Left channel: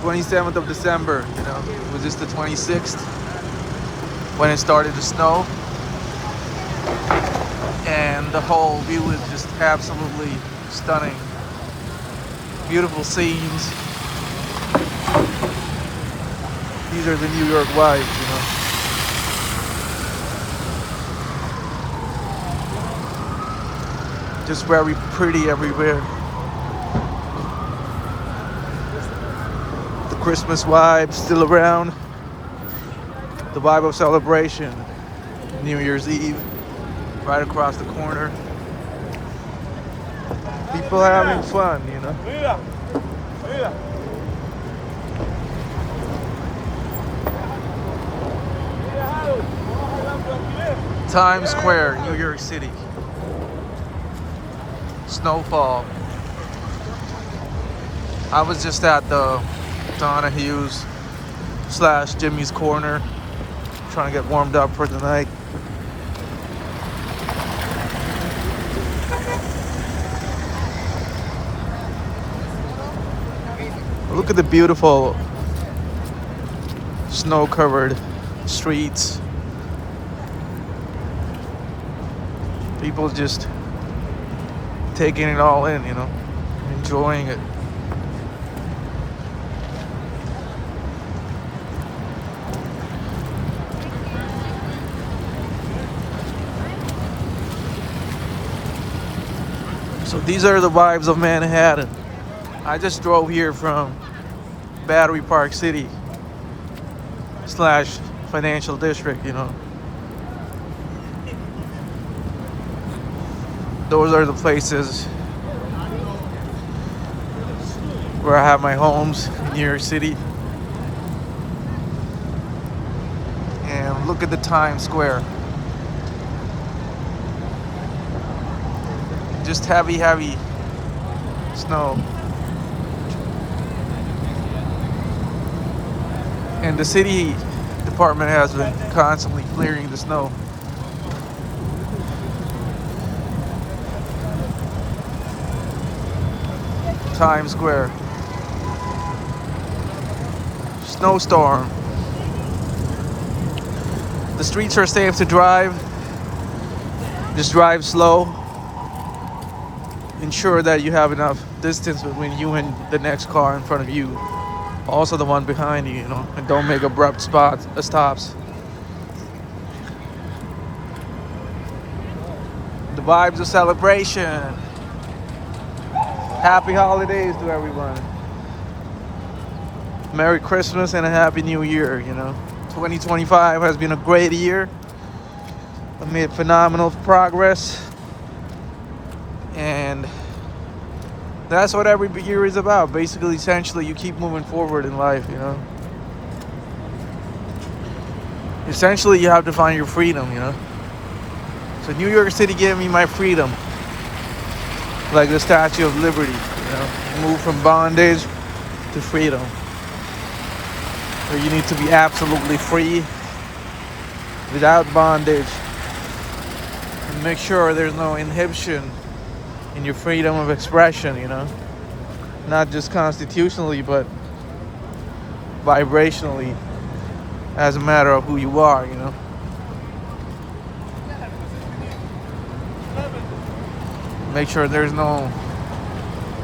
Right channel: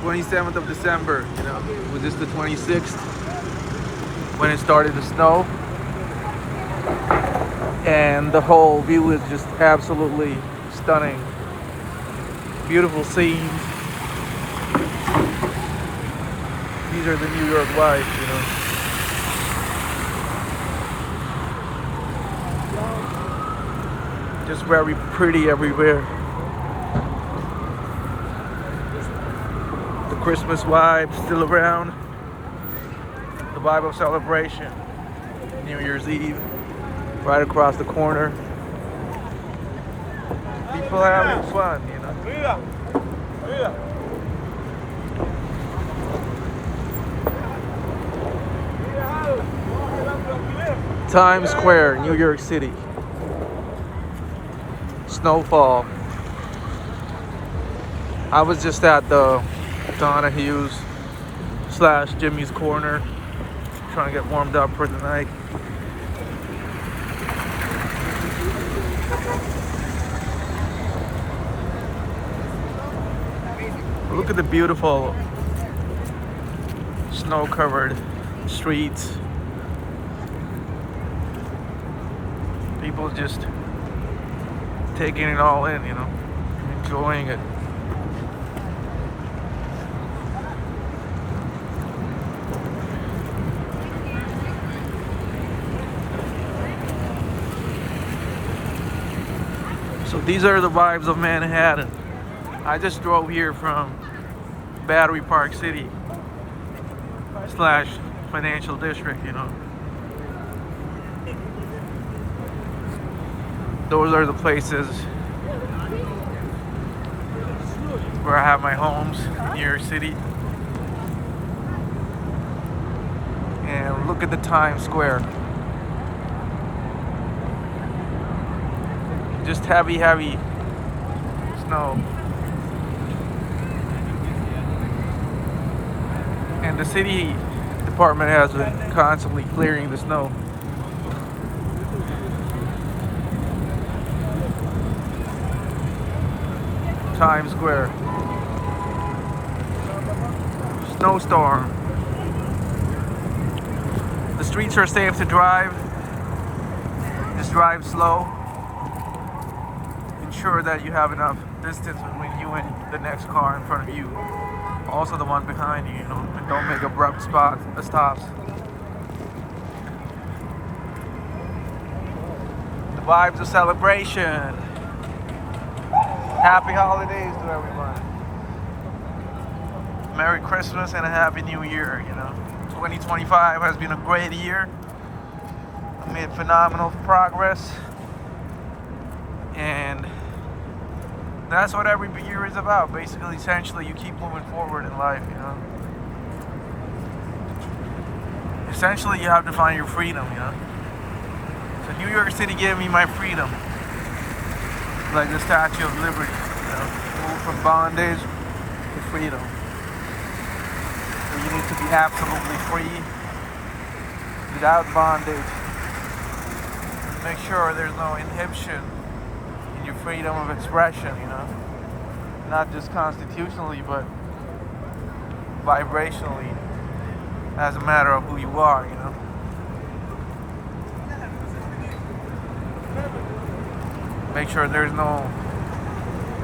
27th of December, you know. It was just the 26th when it started to snow. And the whole view is just absolutely stunning. Beautiful scenes. These are the New York vibes, you know. Just very pretty everywhere. The Christmas vibe still around. The vibe of celebration. New Year's Eve, right across the corner. People having fun, you know. Times Square, New York City. Snowfall. I was just at the Donahue's / Jimmy's Corner, trying to get warmed up for the night. Look at the beautiful snow-covered streets. People just taking it all in, you know, enjoying it. So these are the vibes of Manhattan. I just drove here from Battery Park City / Financial District, you know. Those are the places where I have my homes in New York City. And look at the Times Square. Just heavy snow. And the city department has been constantly clearing the snow. Times Square. Snowstorm. The streets are safe to drive. Just drive slow. Ensure that you have enough distance between you and the next car in front of you. Also the one behind you, you know, and don't make abrupt stops. The vibes of celebration. Happy holidays to everyone. Merry Christmas and a Happy New Year, you know. 2025 has been a great year. I made phenomenal progress. And that's what every year is about. Basically, essentially, you keep moving forward in life, you know. Essentially, you have to find your freedom, you know. So New York City gave me my freedom. Like the Statue of Liberty, you know. Move from bondage to freedom. Where you need to be absolutely free, without bondage. And make sure there's no inhibition in your freedom of expression, you know. Not just constitutionally, but vibrationally, as a matter of who you are, you know. Make sure there's no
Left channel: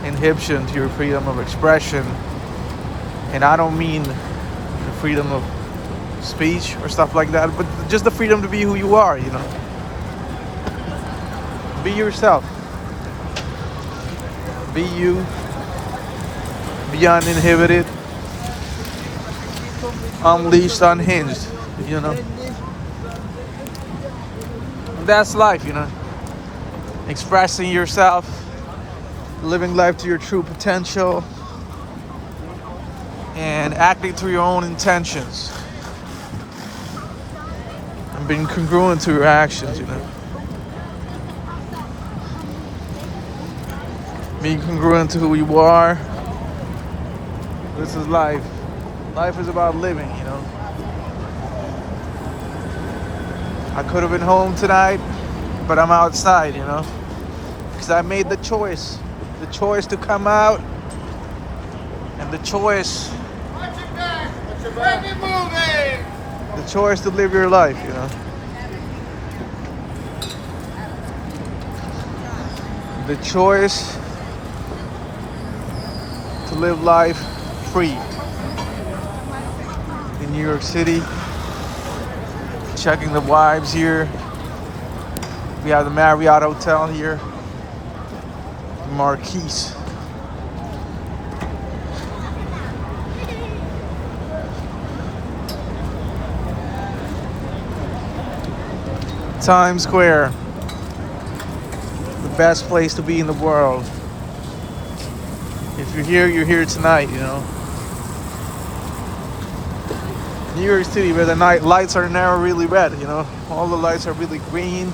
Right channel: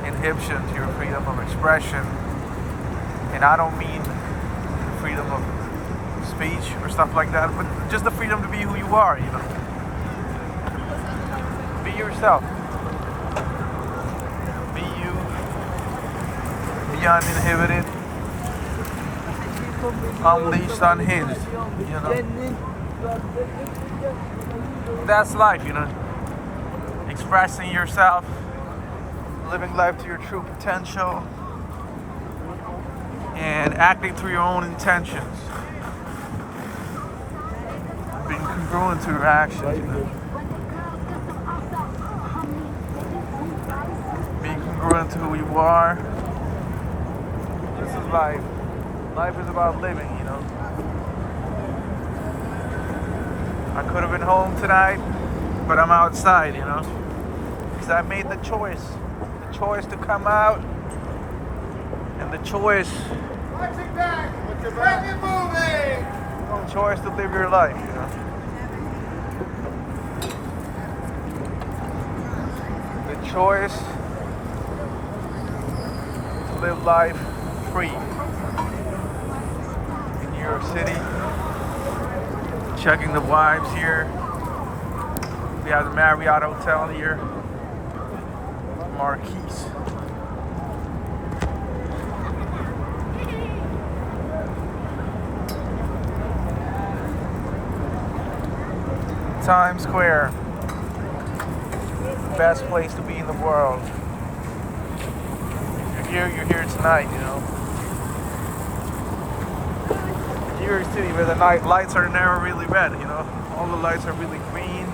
inhibition to your freedom of expression. And I don't mean freedom of speech or stuff like that, but just the freedom to be who you are, you know. Be yourself. Be you. Be uninhibited. Unleashed, unhinged, you know. That's life, you know. Expressing yourself, living life to your true potential, and acting to your own intentions, and being congruent to your actions, you know. Being congruent to who you are. This is life. Life is about living, you know. I could have been home tonight, but I'm outside, you know. Because I made the choice. The choice to come out. And the choice The choice to live your life, you know. The choice to live life free in New York City. Checking the vibes here. We have the Marriott Hotel here. Marquise. Times Square. The best place to be in the world. If you're here tonight, you know. New York City, where the night lights are never really red, you know. All the lights are really green.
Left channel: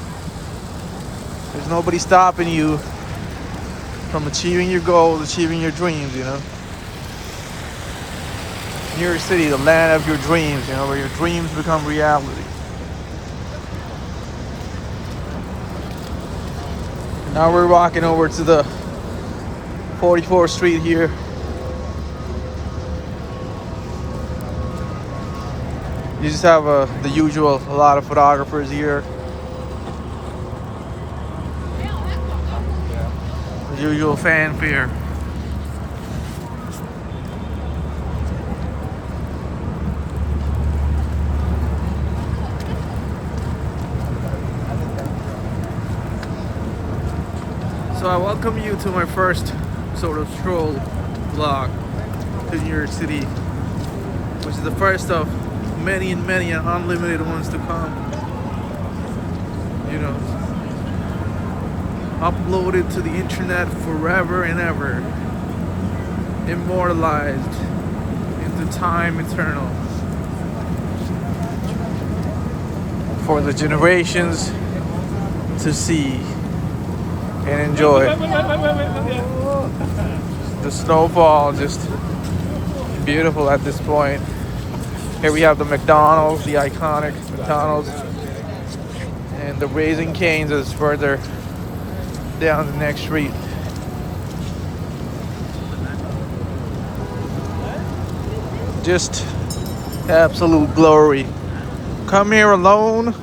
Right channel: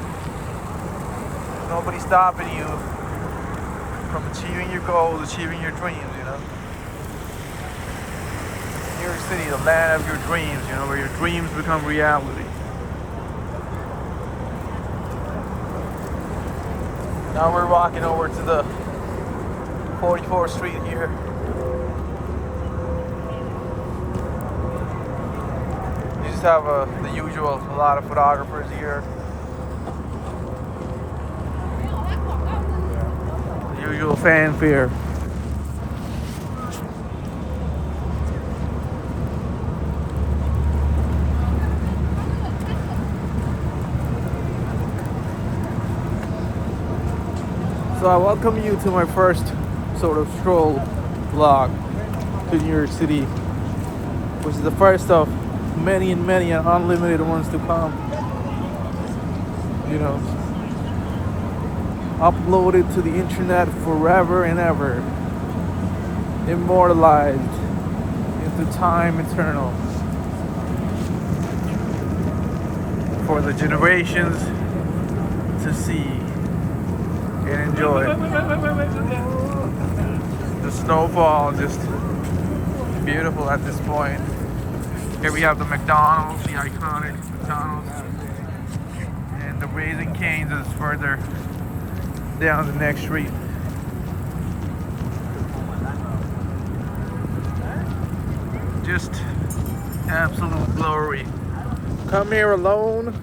There's nobody stopping you from achieving your goals, achieving your dreams, you know. New York City, the land of your dreams, you know, where your dreams become reality. Now we're walking over to the 44th Street here. You just have the usual, a lot of photographers here. The usual fanfare. So I welcome you to my first sort of stroll vlog to New York City, which is the first of many and many and unlimited ones to come. You know, uploaded to the internet forever and ever, immortalized into time eternal for the generations to see and enjoy. The Snowfall, just beautiful at this point. Here we have the McDonald's, the iconic McDonald's, and the Raising Cane's is further down the next street. Just absolute glory. Come here alone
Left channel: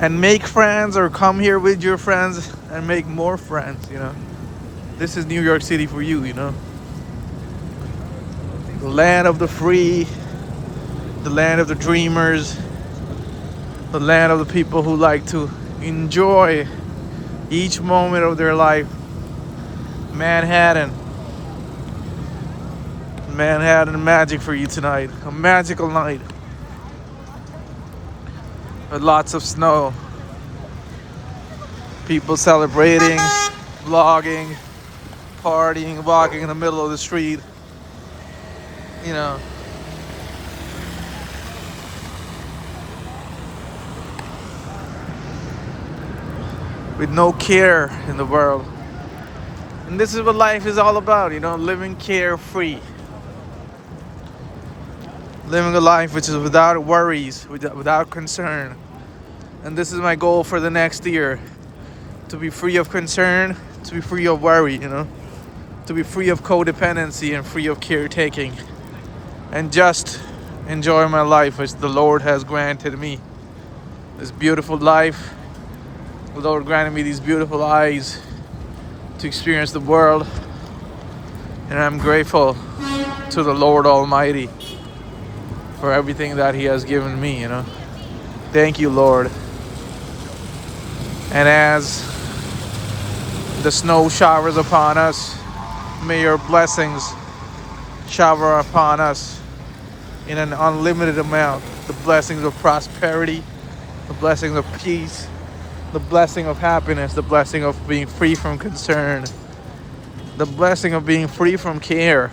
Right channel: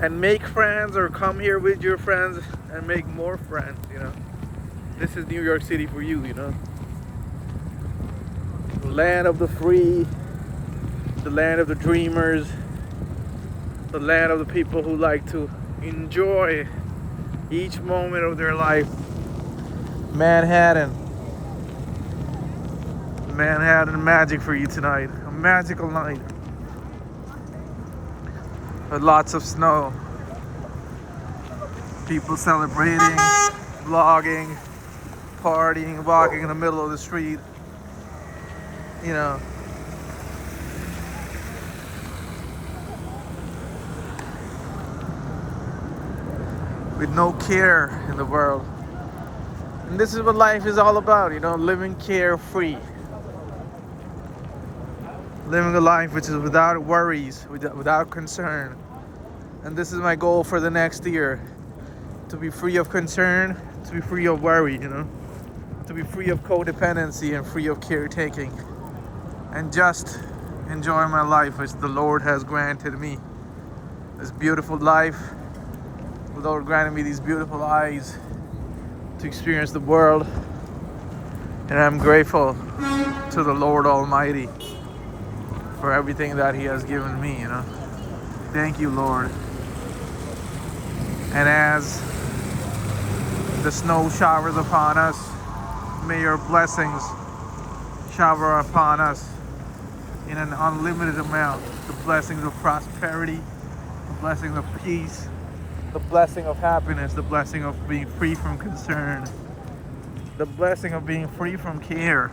and make friends, or come here with your friends and make more friends, you know. This is New York City for you, you know. The land of the free, the land of the dreamers, the land of the people who like to enjoy each moment of their life. Manhattan magic for you tonight. A magical night with lots of snow. People celebrating, vlogging, partying, walking in the middle of the street. You know. With no care in the world. And this is what life is all about, you know, living carefree. Living a life which is without worries, without concern. And this is my goal for the next year. To be free of concern, to be free of worry, you know. To be free of codependency and free of caretaking. And just enjoy my life as the Lord has granted me. This beautiful life. The Lord granted me these beautiful eyes to experience the world. And I'm grateful to the Lord Almighty for everything that He has given me, you know. Thank you, Lord. And as the snow showers upon us, may your blessings shower upon us in an unlimited amount. The blessings of prosperity, the blessings of peace, the blessing of happiness, the blessing of being free from concern, the blessing of being free from care,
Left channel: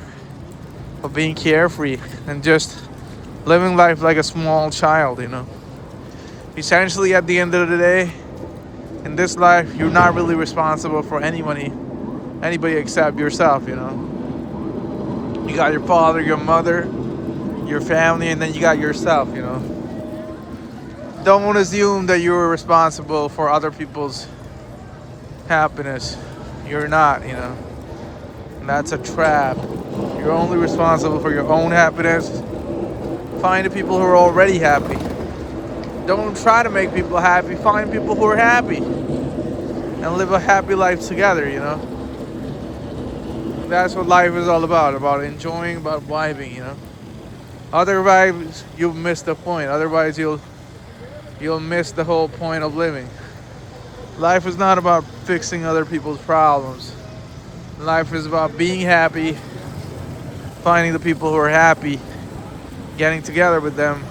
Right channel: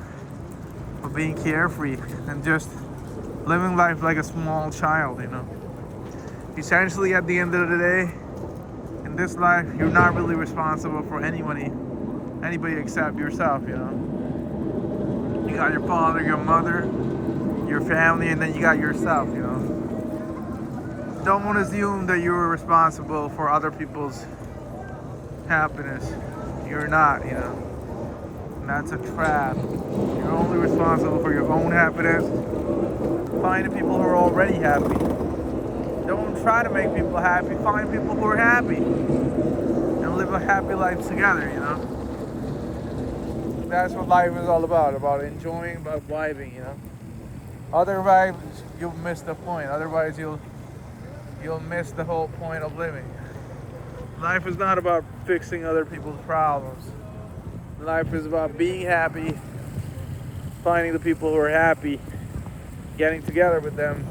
of being carefree, and just living life like a small child, you know. Essentially, at the end of the day, in this life, you're not really responsible for anybody except yourself, you know. You got your father, your mother, your family, and then you got yourself, you know. Don't assume that you're responsible for other people's happiness. You're not, you know. And that's a trap. You're only responsible for your own happiness. Find the people who are already happy. Don't try to make people happy. Find people who are happy and live a happy life together, you know? That's what life is all about enjoying, about vibing, you know? Otherwise, you'll miss the point. Otherwise, you'll miss the whole point of living. Life is not about fixing other people's problems. Life is about being happy, finding the people who are happy, getting together with them,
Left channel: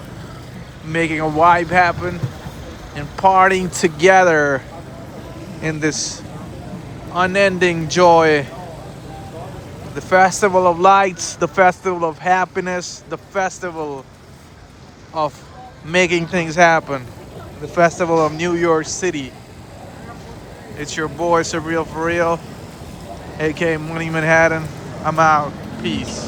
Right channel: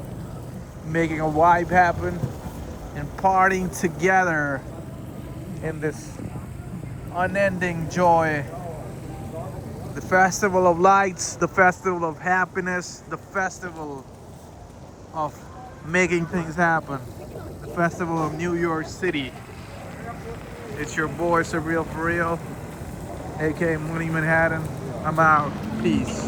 making a vibe happen, and partying together in this unending joy. The festival of lights, the festival of happiness, the festival of making things happen, the festival of New York City. It's your boy Surreal for Real, aka Money Manhattan. I'm out. Peace.